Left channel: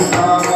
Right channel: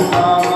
Amen.